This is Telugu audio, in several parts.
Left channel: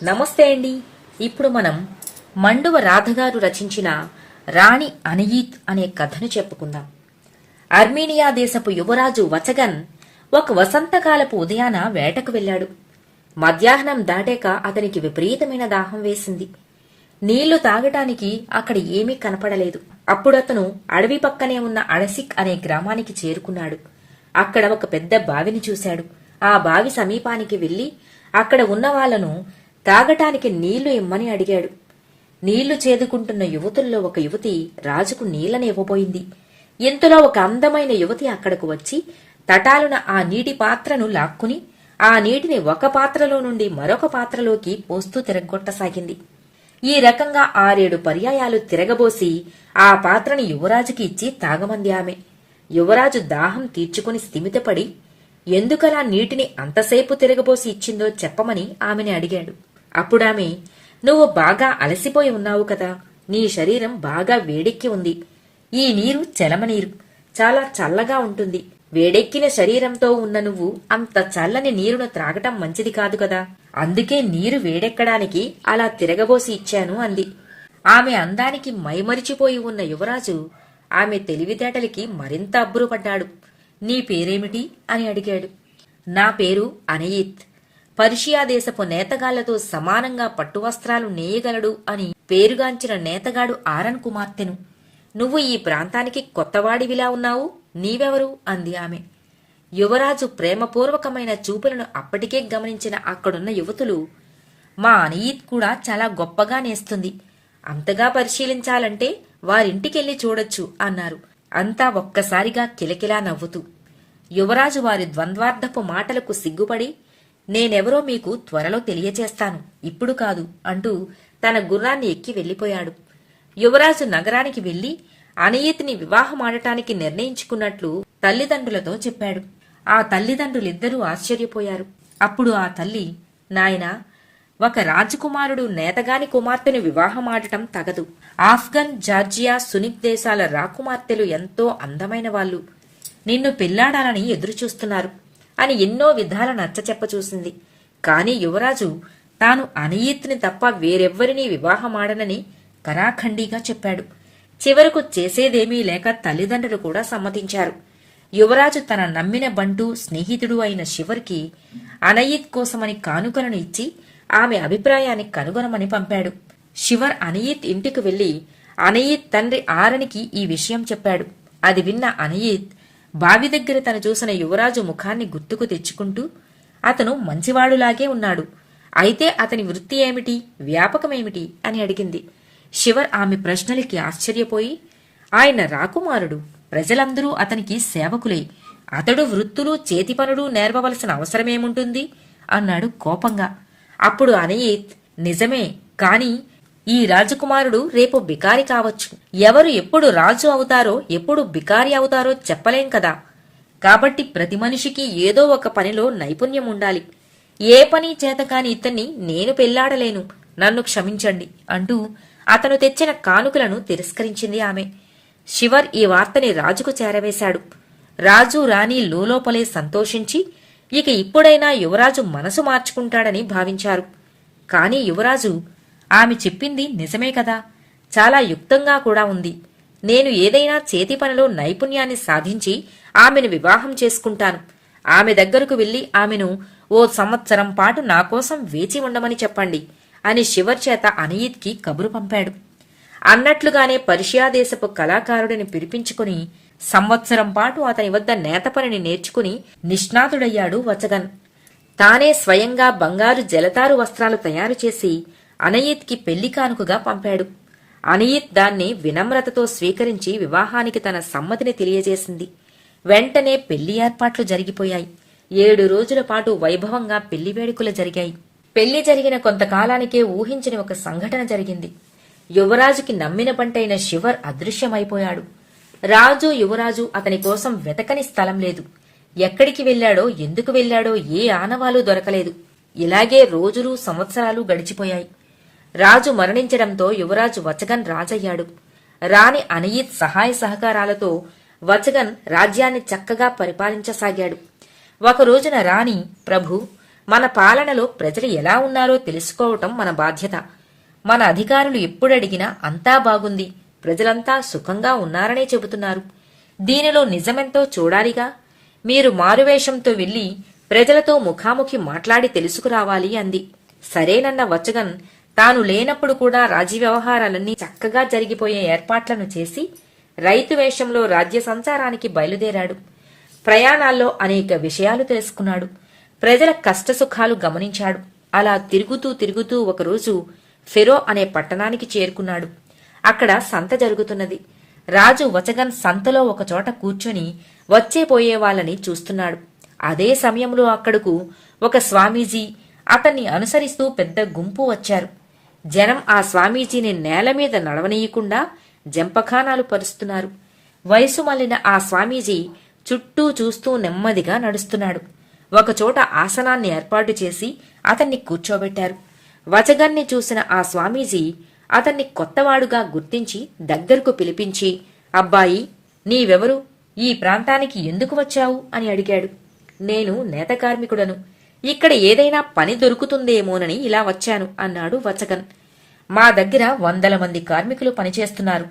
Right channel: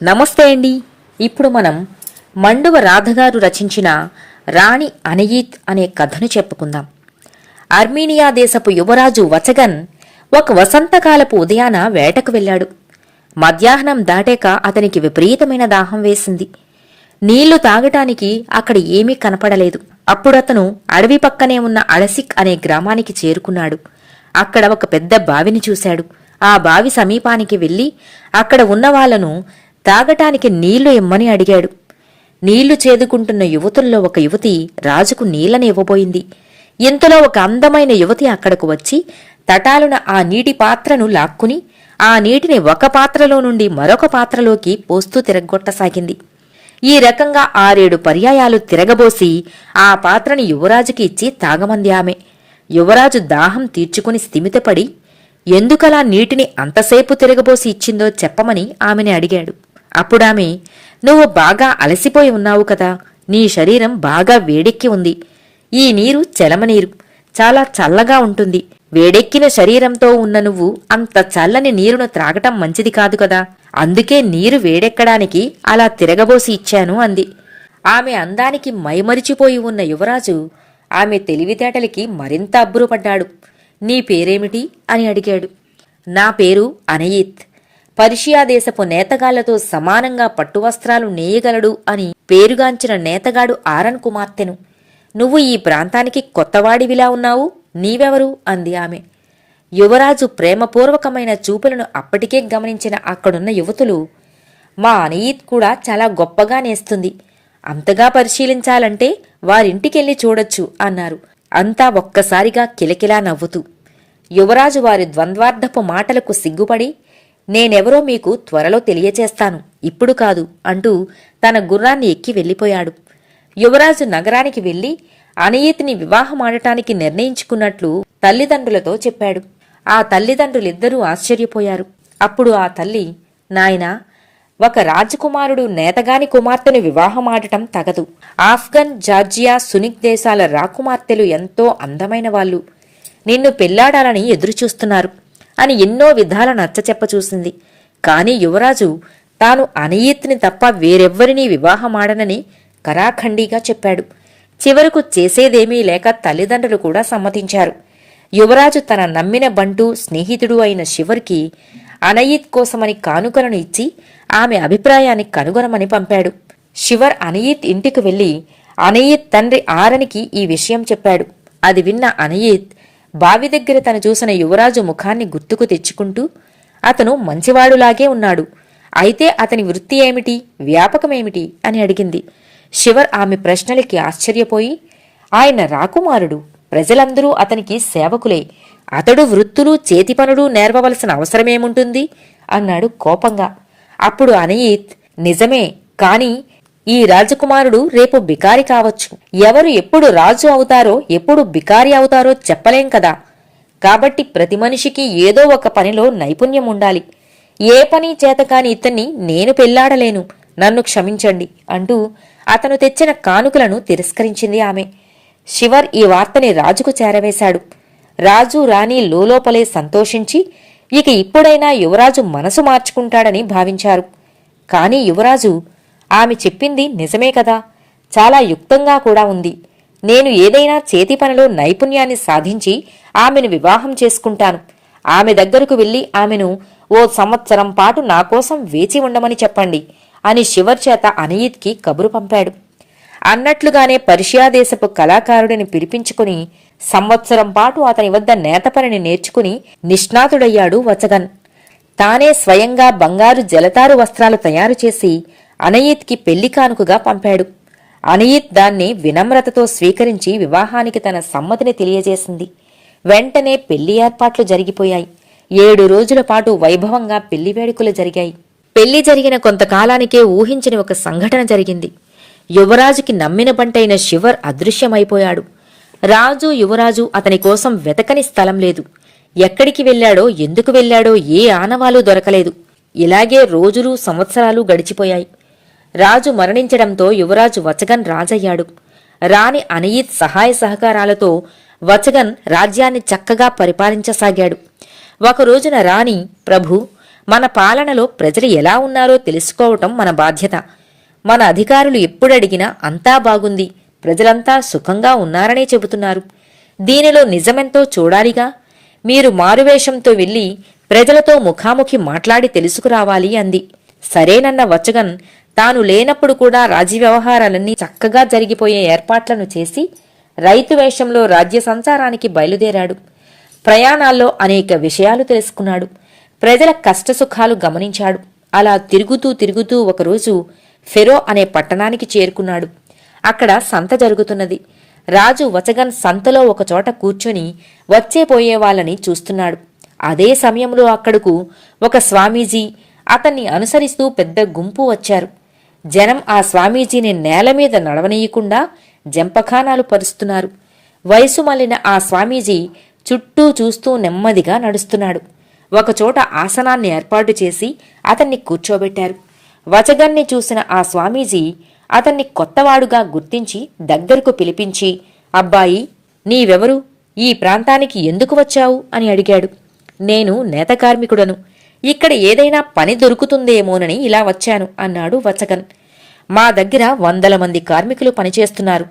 నమస్తే అండి. ఇప్పుడు మనం మండువ రాధగారు రచించిన రాణి అనయీత్ అనే కథను చెప్పుకుందాం. అర్మీనియా దేశపు యువరాజు వచగన్ ఒక వసంతకాలపు ఉదయాన వేటకు వెళ్లాడు. మధ్యాహ్నం దాటాక అతనికి విపరీతమైన దాహం వేసింది. నీళ్లు తాగటానికి అక్కడ ఏమీ కనపడలేదు. అప్పుడతను అడవి పక్కనే ఉన్న అడసిక్ అనే గ్రామానికి చేరుకున్నాడు. అక్కడ ఒక పెద్ద బావిని చూశాడు. ఆ బావి సమీపానికి వెళ్లి అక్కడ ఉన్న వాళ్లను తాగటానికి నీళ్లు ఇమ్మని అడిగాడు. నీళ్లు చేదుకుంటున్న యువతుల్లో ఒక యువతి రాజుకు నీళ్లని ఇవ్వబోయింది. ఇంతలో ఒక అందమైన యువతి అక్కడకు వచ్చి తటాలున ఆ నీటి పాత్రను లాక్కుని ఆ నీటిని ఒక పాత్రలో నుండి మరొక పాత్రలోకి పోస్తూ తిరగొట్టసాగింది. ఈ రకంగా 6-7 పర్యాయాలు తిరగబోసి ఆ పాత్రని యువరాజుకి ఇచ్చి తాగమంది ఆమె. యువరాజు దాహం తీర్చుకుని స్థిమితపడి ఎందుకలా నీటిని అంతసేపు తిరగబోసి ఇచ్చిందో చెప్పమని ఆమెని అడిగాడు. అప్పుడామె, నువ్వు బాగా అలసిపోయి ఉన్నావు కదా, నీ శరీరం బాగా వేడెక్కి ఉంది. ఈ నీరు చలమనీరు, చాలా చల్లగా ఉంటుంది. వేడెక్కిన శరీరంతో ఉన్న నువ్వు అంత చల్లని నీరును త్రాగటం మంచిది కాదు కదా, అందుకే నీరు వేడెక్కడానికి అలా తిరగబోసి ఇచ్చాను అంది. ఆమె అందానికి మైమరిచిపోయి ఉన్న యువరాజు ఆమె తెలివితేటలకి మరింత అబ్బురపడ్డాడు. నీ పేరేమిటి అని అడిగాడు. నా పేరు అనయీత్. పర్షియా దేశపు నేతగాళ్లతో సమానంగా పట్టువస్త్రాలు నేయగలడు అని పేరుగాంచిన నేతగాడు ఆరన్ కుమార్తెను. నువ్వు ఈ ప్రాంతానికి కొత్తవాడివిలా ఉన్నావు, నీవెవరు అంది ఆమె. యువరాజు ప్రేమపూర్వకమైన చూపులను అప్పటికే గమనించిన అక్కడున్న యువతులు, మా అనయీత్ కూడా చాలా గొప్పగా నేస్తుంది. అంతగా పరిశీలించాలంటే వారింటికెళ్ళి చూడొచ్చు అన్నారు. అంతా ఒక్కసారిగా కిలకిలా నవ్వుతూ. యువరాజు వారి ద్వంద్వార్థపు మాటలకు సిగ్గుపడి, నేనెవరో మీకు త్వరలో తెలియచేస్తాను, ఇప్పుడు కాదు అంటూ తన గుర్రాన్ని ఎక్కి వెళ్లిపోయాడు. యువరాజు నగరానికి వెళ్లి అనయీత్ని వివాహమాడటానికి నిర్ణయించుకున్నట్లు తల్లిదండ్రులతో చెప్పాడు. ఆ తల్లిదండ్రులిద్దరూ ఆశ్చర్యపోయారు. అప్పుడు ఆ తల్లి, నాయనా, ఒక రాజకుమారుడు నేతగాని కుమార్తెను వివాహమాడటం తగదు. ఆఫ్ఘన్, జార్జియా, సునిక్ దేశాల రాకుమార్తెలు ఎంతో అందమైన వాళ్ళు. నిన్ను పెళ్లాడాలని ఎదురుచూస్తున్నారు అని ఎన్నో విధాల నచ్చచెప్పచూసింది. కాని యువరాజు తాను అనయీత్ని తప్ప వేరెవ్వరినీ వివాహమాడనని కరాఖండిగా చెప్పాడు. చివరకు చేసేదేమీ లేక తల్లిదండ్రులు కూడా సమ్మతించారు. యువరాజు తన నమ్మిన బంటూ స్నేహితుడు అయిన శివర్కి అనయీత్ కోసమని కానుకలను ఇచ్చి ఆమె అభిప్రాయాన్ని కనుగొనమని పంపాడు. శివర్ అనయీత్ ఇంటికి వెళ్లి అనయీత్ తండ్రి ఆరనికి ఈ విషయం చెప్పాడు. అది విన్న అనయీత్ బావి దగ్గర తను చూసిన యువరాజు ముఖాన్ని గుర్తుకు తెచ్చుకుంటూ, అతను మంచివాడులాగే ఉన్నాడు, అయితే అతని వృత్తి ఏమిటి, వ్యాపకమేమిటి అని అడిగింది. శివర్ ఆమె ప్రశ్నలకి ఆశ్చర్యపోయి, ఆయన రాకుమారుడు, ప్రజలందరూ అతనికి సేవకులే, అతడు వృత్తులు చేతి పనులు నేర్వవలసిన అవసరమేముంటుంది అన్నాడు కోపంగా. అప్పుడు అనయీత్, నిజమే, కాని ఈ రాజకుమారుడు రేపు బికారి కావచ్చు. ఎవరు ఎప్పుడు రాజు అవుతారో ఎప్పుడు బికారి అవుతారో చెప్పలేం కదా. కాబట్టి ప్రతి మనిషికి ఏదో ఒక పనిలో నైపుణ్యం ఉండాలి. ఏ పని చేతకాని ఇతన్ని నేను పెళ్లాడలేను, నన్ను క్షమించండి అంటూ అతను తెచ్చిన కానుకలను తిరస్కరించింది ఆమె. శివర్ ఈ వార్తని రాజుకు చేరవేశాడు. రాజు రాణి లోలోపలే సంతోషించి ఇక ఇప్పుడైనా యువరాజు మనసు మార్చుకుంటాడని భావించారు. కాని యువరాజు, ఆమె చెప్పింది నిజమే కదా, చాలా యుక్తంగా కూడా ఉంది. నేను ఏదైనా చేతి పనిలో నైపుణ్యాన్ని సాధించి ఆమెను వివాహం చేసుకుంటాను. ఆమె దగ్గరకు వెళ్లి ఆమెను 1 సంవత్సరం పాటు నాకోసం వేచి ఉండమని చెప్పండి అని శివర్ చేత అనయీత్కి కబురు పంపాడు. అన్నట్లుగానే పర్షియా దేశపు కళాకారుడిని పిలిపించుకుని సంవత్సరం పాటు అతని వద్ద నేతపనిని నేర్చుకుని నిష్ణాతుడయ్యాడు వచగన్. తానే స్వయంగా బంగారు జలతారు వస్త్రాలు తయారు చేసి అనయీత్కి పెళ్లి కానుకగా పంపాడు. అనయీత్ దాన్ని వినమ్రతతో స్వీకరించి వివాహానికి తన సమ్మతిని తెలియజేసింది. వెంటనే పెళ్లి ఏర్పాట్లు జరిగిపోయాయి. 7 రోజుల పాటు వైభవంగా పెళ్లి వేడుకలు జరిగాయి. పెళ్లి జరిగిన కొంతకాలానికే ఊహించని ఒక సంఘటన జరిగింది. యువరాజుకి నమ్మిన బంటైన శివర్ అదృశ్యమైపోయాడు. రాజు, యువరాజు అతని కోసం వెతకని స్థలం లేదు. ఎక్కడికి వెళ్లాడో, ఎందుకు వెళ్లాడో ఏ ఆనవాలు దొరకలేదు. ఇలాగే రోజులు సంవత్సరాలు గడిచిపోయాయి. రాజు మరణించడంతో యువరాజు వచగన్ రాజయ్యాడు. రాణి అనయీత్ సహాయ సహకారాలతో వచగన్ రాజ్యాన్ని చక్కగా పరిపాలించసాగాడు. ఒక రోజున రాణి, ప్రభు, మన పాలనలో ప్రజలు ఎలా ఉన్నారో తెలుసుకోవటం మన బాధ్యత. మన అధికారులు ఎప్పుడడిగినా అంతా బాగుంది, ప్రజలంతా సుఖంగా ఉన్నారనే చెబుతున్నారు. దీనిలో నిజమెంతో చూడాలిగా. మీరు మారువేషంతో వెళ్లి ప్రజలతో ముఖాముఖి మాట్లాడి తెలుసుకురావాలి అంది. సరేనన్న వచగన్ తాను లేనప్పుడు కూడా రాజ్య వ్యవహారాలన్నీ చక్కగా జరిగిపోయే ఏర్పాట్లను చేసి రైతు వేషంలో రాజ్య సంచారానికి బయలుదేరాడు. ప్రయాణాల్లో అనేక విషయాలు తెలుసుకున్నాడు. ప్రజల కష్టసుఖాలు గమనించాడు. అలా తిరుగుతూ ఒకరోజు ఫెరో అనే పట్టణానికి చేరుకున్నాడు. అక్కడ సంత జరుగుతున్నది. రాజు వచగన్ సంతలో ఒకచోట కూర్చొని వచ్చేపోయే వాళ్ళని చూస్తున్నాడు. అదే సమయంలో అక్కడకు ఒక స్వామీజీ, అతన్ని అనుసరిస్తూ పెద్ద గుంపు వచ్చారు. జనం ఆ స్వామీజీని నేలమీద నడవనీయకుండా జంపఖానాలు పరుస్తున్నారు. వయసు మళ్లిన ఆ స్వామీజీ చుట్టూ చూస్తూ నెమ్మదిగా నడుస్తున్నాడు. ఒకచోట ఆసనాన్ని ఏర్పాటు చేసి అతన్ని కూర్చోబెట్టారు. వచగన్ని చూసిన ఆ స్వామీజీ అతన్ని కొత్తవాడుగా గుర్తించి దగ్గరకు పిలిపించి, అబ్బాయి, నీవెవరు? ఈ ప్రాంతానికి ఎందుకు వచ్చావు అని అడిగాడు. నేను నేత కార్మికుడను. ఇక్కడ ఏదైనా పని దొరుకుతుందేమోనని ఇలా వచ్చాను అన్నాడు వచగన్. మా దగ్గర 100 మంది కార్మికులు పనిచేస్తున్నారు.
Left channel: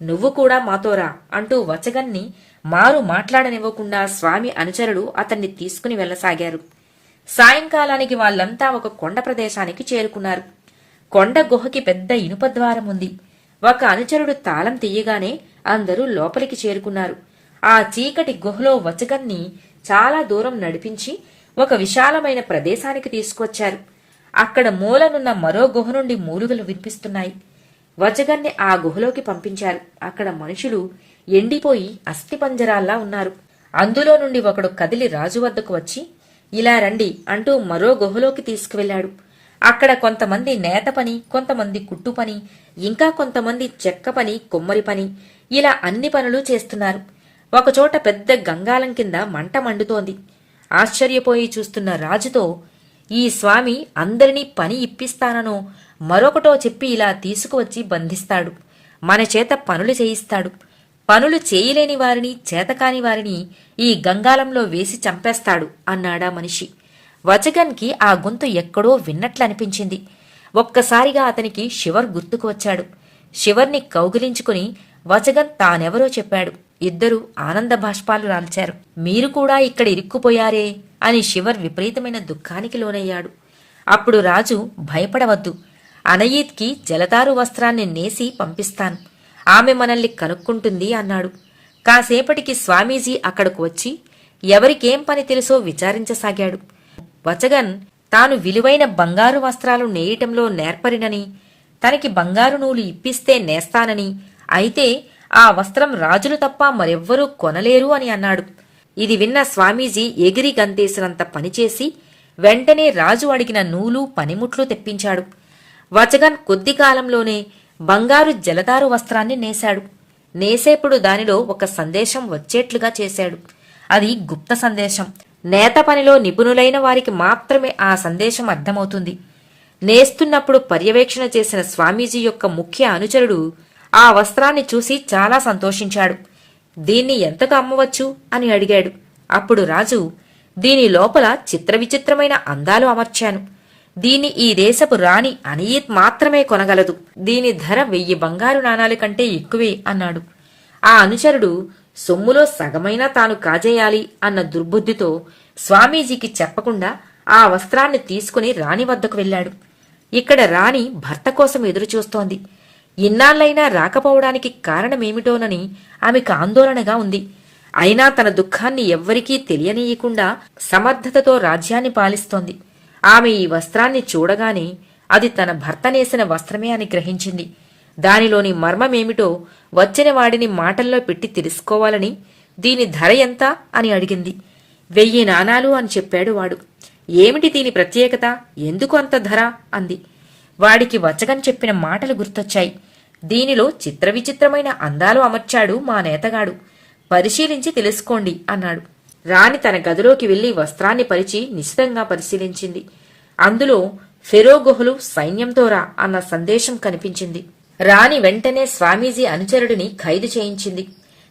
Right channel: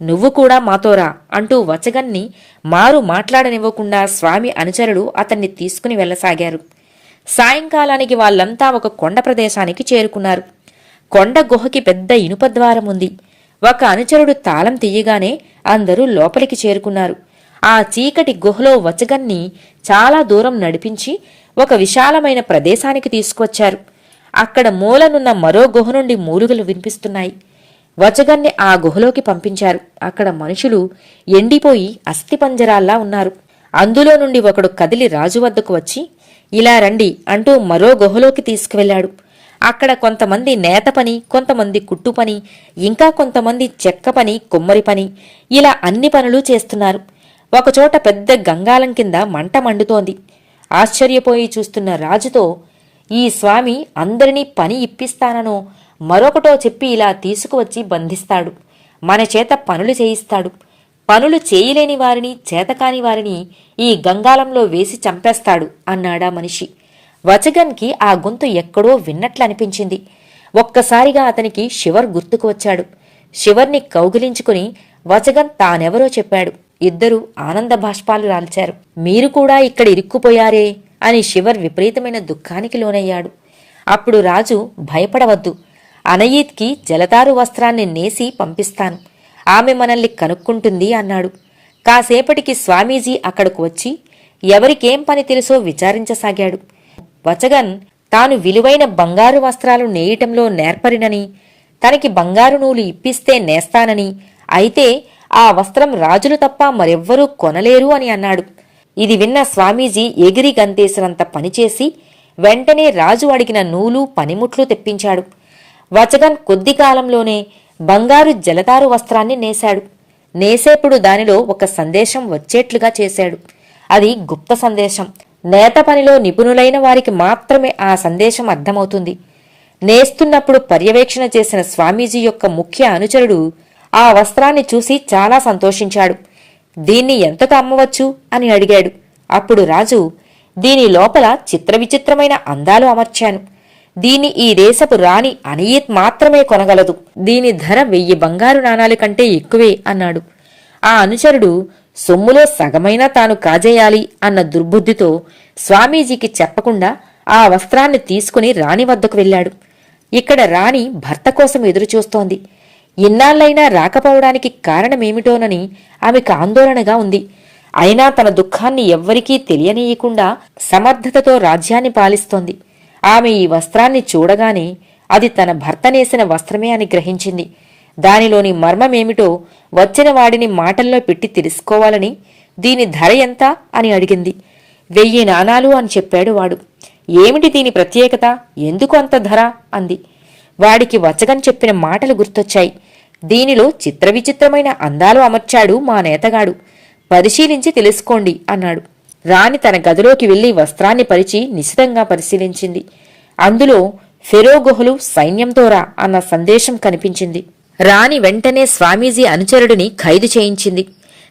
నువ్వు కూడా మాతోరా అంటూ వచగన్ని మారు మాట్లాడనివ్వకుండా స్వామి అనుచరులు అతన్ని తీసుకుని వెళ్లసాగారు. సాయంకాలానికి వాళ్లంతా ఒక కొండ ప్రదేశానికి చేరుకున్నారు. కొండ గుహకి పెద్ద ఇనుప ద్వారం ఉంది. ఒక అనుచరుడు తాళం తీయగానే అందరూ లోపలికి చేరుకున్నారు. ఆ చీకటి గుహలో వచగన్ని చాలా దూరం నడిపించి ఒక విశాలమైన ప్రదేశానికి తీసుకువచ్చారు. అక్కడ మూలనున్న మరో గుహ నుండి మూలుగలు వినిపిస్తున్నాయి. వచగన్ని ఆ గుహలోకి పంపించారు. అక్కడ మనుషులు ఎండిపోయి అస్థిపంజరాల్లా ఉన్నారు. అందులో నుండి ఒకడు కదిలి రాజు వద్దకు వచ్చి, ఇలా రండి అంటూ మరో గుహలోకి తీసుకువెళ్లాడు. అక్కడ కొంతమంది నేత పని, కొంతమంది కుట్టు పని, ఇంకా కొంతమంది చెక్క పని, కుమ్మరి పని, ఇలా అన్ని పనులు చేస్తున్నారు. ఒకచోట పెద్ద గంగాలం కింద మంట మండుతోంది. ఆశ్చర్యపోయి చూస్తున్న రాజుతో, ఈ స్వామి అందరినీ పని ఇప్పిస్తాననో మరొకటో చెప్పి ఇలా తీసుకువచ్చి బంధిస్తాడు. మన చేత పనులు చేయిస్తాడు. పనులు చేయలేని వారిని, చేతకాని వారిని ఈ గంగాలంలో వేసి చంపేస్తాడు అన్నాడా మనిషి. వచగన్కి ఆ గొంతు ఎక్కడో విన్నట్లనిపించింది. ఒక్కసారిగా అతనికి శివర్ గుర్తుకు వచ్చాడు. శివర్ని కౌగిలించుకుని వచగన్ తానెవరో చెప్పాడు. ఇద్దరూ ఆనంద బాష్పాలు రాల్చారు. మీరు కూడా ఇక్కడ ఇరుక్కుపోయారే అని శివర్ విపరీతమైన దుఃఖానికి లోనయ్యాడు. అప్పుడు రాజు, భయపడవద్దు, అనయీత్కి జలతారు వస్త్రాన్ని నేసి పంపిస్తాను. ఆమె మనల్ని కనుక్కుంటుంది అన్నాడు. కాసేపటికి స్వామీజీ అక్కడకు వచ్చి ఎవరికేం పని తెలుసో విచారించసాగాడు. వచగన్ తాను విలువైన బంగారు వస్త్రాలు నేయటంలో నేర్పరినని, తనకి బంగారు నూలు ఇప్పిస్తే నేస్తానని, అయితే ఆ వస్త్రం రాజులు తప్ప మరెవ్వరూ కొనలేరు అని అన్నాడు. ఇది విన్న స్వామీజీ ఎగిరి గంతేసినంత పనిచేసి వెంటనే రాజు అడిగిన నూలు, పనిముట్లు తెప్పించాడు. వచగన్ కొద్ది కాలంలోనే బంగారు జలతారు వస్త్రాన్ని నేశాడు. నేసేప్పుడు దానిలో ఒక సందేశం వచ్చేట్లుగా చేశాడు. అది గుప్త సందేశం. నేత పనిలో నిపుణులైన వారికి మాత్రమే ఆ సందేశం అర్థమవుతుంది. నేస్తున్నప్పుడు పర్యవేక్షణ చేసిన స్వామీజీ యొక్క ముఖ్య అనుచరుడు ఆ వస్త్రాన్ని చూసి చాలా సంతోషించాడు. దీన్ని ఎంతకు అమ్మవచ్చు అని అడిగాడు. అప్పుడు రాజు, దీని లోపల చిత్రవిచిత్రమైన అందాలు అమర్చాను. దీన్ని ఈ దేశపు రాణి అనయీత్ మాత్రమే కొనగలదు. దీని ధర 1000 బంగారు నాణాల కంటే ఎక్కువే అన్నాడు. ఆ అనుచరుడు సొమ్ములో సగమైనా తాను కాజేయాలి అన్న దుర్బుద్ధితో స్వామీజీకి చెప్పకుండా ఆ వస్త్రాన్ని తీసుకుని రాణి వద్దకు వెళ్లాడు. ఇక్కడ రాణి భర్త కోసం ఎదురుచూస్తోంది. ఇన్నాళ్లైనా రాకపోవడానికి కారణమేమిటోనని ఆమెకు ఆందోళనగా ఉంది. అయినా తన దుఃఖాన్ని ఎవ్వరికీ తెలియనీయకుండా సమర్థతతో రాజ్యాన్ని పాలిస్తోంది. ఆమె ఈ వస్త్రాన్ని చూడగానే అది తన భర్త నేసిన వస్త్రమే అని గ్రహించింది. దానిలోని మర్మమేమిటో వచ్చిన వాడిని మాటల్లో పెట్టి తెలుసుకోవాలని, దీని ధర ఎంత అని అడిగింది. 1000 నాణాలు అని చెప్పాడు వాడు. ఏమిటి దీని ప్రత్యేకత, ఎందుకు అంత ధర అంది. వాడికి వచగన్ చెప్పిన మాటలు గుర్తొచ్చాయి. దీనిలో చిత్రవిచిత్రమైన అందాలు అమర్చాడు మా నేతగాడు, పరిశీలించి తెలుసుకోండి అన్నాడు. రాణి తన గదిలోకి వెళ్లి వస్త్రాన్ని పరిచి నిశితంగా పరిశీలించింది. అందులో ఫెరో గుహలు సైన్యంతోరా అన్న సందేశం కనిపించింది. రాణి వెంటనే స్వామీజీ అనుచరుడిని ఖైదు చేయించింది.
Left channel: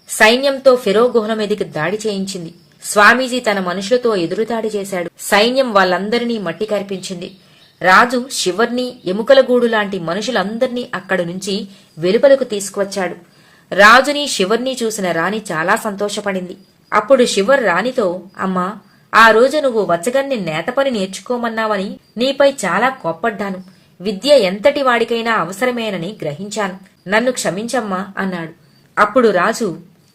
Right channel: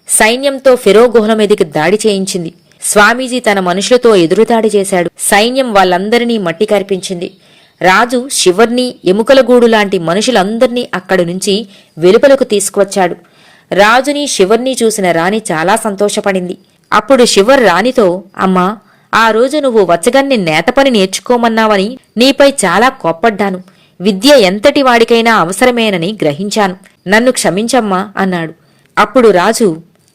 సైన్యంతో ఫెరో గుహల మీదికి దాడి చేయించింది. స్వామీజీ తన మనుషులతో ఎదురుదాడి చేశాడు. సైన్యం వాళ్ళందరినీ మట్టి కరిపించింది. రాజు శివర్ని, ఎముకలగూడు లాంటి మనుషులందర్నీ అక్కడి నుంచి వెలుపలకు తీసుకువచ్చాడు. రాజుని, శివర్ని చూసిన రాణి చాలా సంతోషపడింది. అప్పుడు శివర్ రాణితో, అమ్మా, ఆ రోజు నువ్వు వచ్చగన్ని నేతపని నేర్చుకోమన్నావని నీపై చాలా కోప్పడ్డాను. విద్య ఎంతటి వాడికైనా అవసరమేనని గ్రహించాను. నన్ను క్షమించమ్మా అన్నాడు. అప్పుడు రాజు,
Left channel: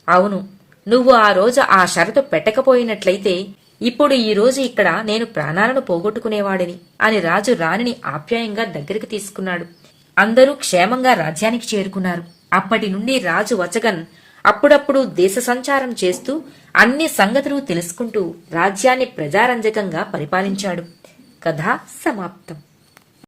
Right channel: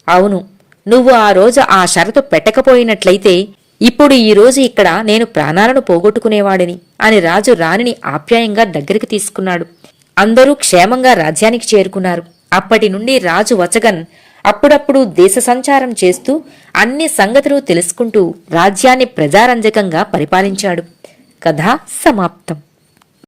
అవును, నువ్వు ఆ రోజు ఆ షరతు పెట్టకపోయినట్లయితే ఇప్పుడు ఈ రోజు ఇక్కడ నేను ప్రాణాలను పోగొట్టుకునేవాడిని అని రాజు రాణిని ఆప్యాయంగా దగ్గరికి తీసుకున్నాడు. అందరూ క్షేమంగా రాజ్యానికి చేరుకున్నారు. అప్పటి నుండి రాజు వచగన్ అప్పుడప్పుడు దేశ సంచారం చేస్తూ అన్ని సంగతులు తెలుసుకుంటూ రాజ్యాన్ని ప్రజారంజకంగా పరిపాలించాడు. కథ సమాప్తం.